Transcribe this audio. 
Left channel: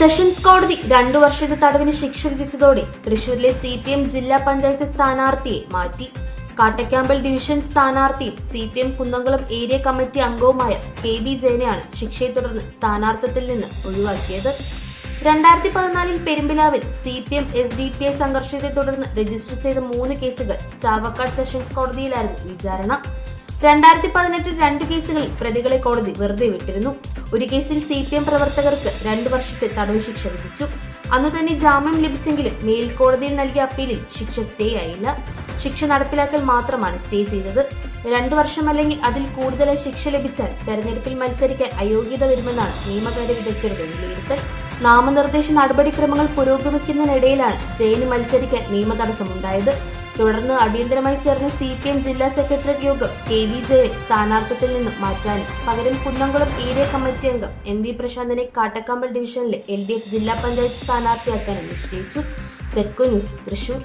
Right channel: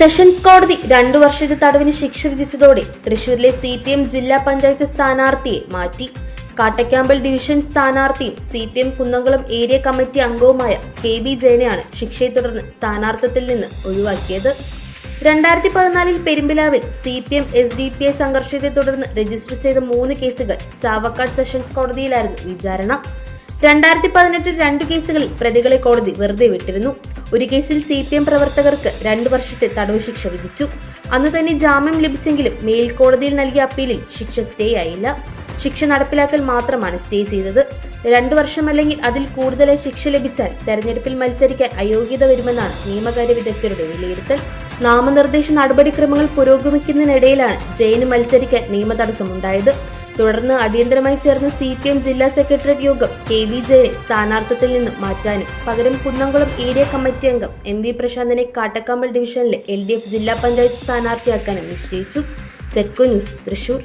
Sessions കോടതി 2 വർഷത്തെ തടവിന് ശിക്ഷ വിധിച്ചതോടെ തൃശൂരിലെ CPM ജില്ലാ പഞ്ചായത്ത് സ്ഥാനാർത്ഥിയെ മാറ്റി. കാട്ടക്കാമ്പൽ ഡിവിഷൻ സ്ഥാനാർത്ഥിയും CPM കുന്നംകുളം ഏരിയ കമ്മിറ്റി അംഗവുമായ KB ജയനെയാണ് ശിക്ഷയെ തുടർന്ന് സ്ഥാനാർത്ഥിത്വത്തിൽ നിന്ന് ഒഴിവാക്കിയത്. 2014 പെരുമ്പിലാവിൽ CPM SDPI സംഘർഷത്തെ തുടർന്ന് രജിസ്റ്റർ ചെയ്ത 3 കേസുകൾ ചാവക്കാട് സെഷൻസ് കോടതിയിലായിരുന്നു വിചാരണ. 2018 2 കേസുകളിൽ പ്രതികളെ കോടതി വെറുതെ വിട്ടിരുന്നു. ഒരു കേസിൽ CPM പ്രവർത്തകർക്ക് 2 വർഷത്തെ തടവ് ശിക്ഷ വിധിച്ചു. അന്ന് തന്നെ ജാമ്യം ലഭിച്ചെങ്കിലും മേൽക്കോടതിയിൽ നൽകിയ അപ്പീലിൽ ശിക്ഷ സ്റ്റേ ആയില്ല. ശിക്ഷ നടപ്പിലാക്കൽ മാത്രമാണ് സ്റ്റേ ചെയ്തത്. 2 വർഷം അല്ലെങ്കിൽ അതിൽ കൂടുതലായി ശിക്ഷ ലഭിച്ചാൽ തെരഞ്ഞെടുപ്പിൽ മത്സരിക്കാൻ അയോഗ്യത വരുമെന്നാണ് നിയമകാര്യ വിദഗ്ധരുടെ വിലയിരുത്തൽ. നാമനിർദ്ദേശ നടപടിക്രമങ്ങൾ പുരോഗമിക്കുന്നതിനിടയിലാണ് ജയന് മത്സരിക്കാൻ നിയമ തടസ്സമുണ്ടായത്. തുടർന്ന് അടിയന്തരമായി ചേർന്ന CPM ജില്ലാ സെക്രട്ടേറിയറ്റ് യോഗം KB ജയനെ സ്ഥാനാർത്ഥിത്വത്തിൽ നിന്നും മാറ്റാനും പകരം കുന്നംകുളം ഏരിയ കമ്മിറ്റി അംഗം MV പ്രശാന്തിനെ കാട്ടക്കാമ്പൽ ഡിവിഷനിലെ LDF ജില്ലാ പഞ്ചായത്ത് സ്ഥാനാർത്ഥിയാക്കാനും നിശ്ചയിച്ചു. SETCO news, Thrissur.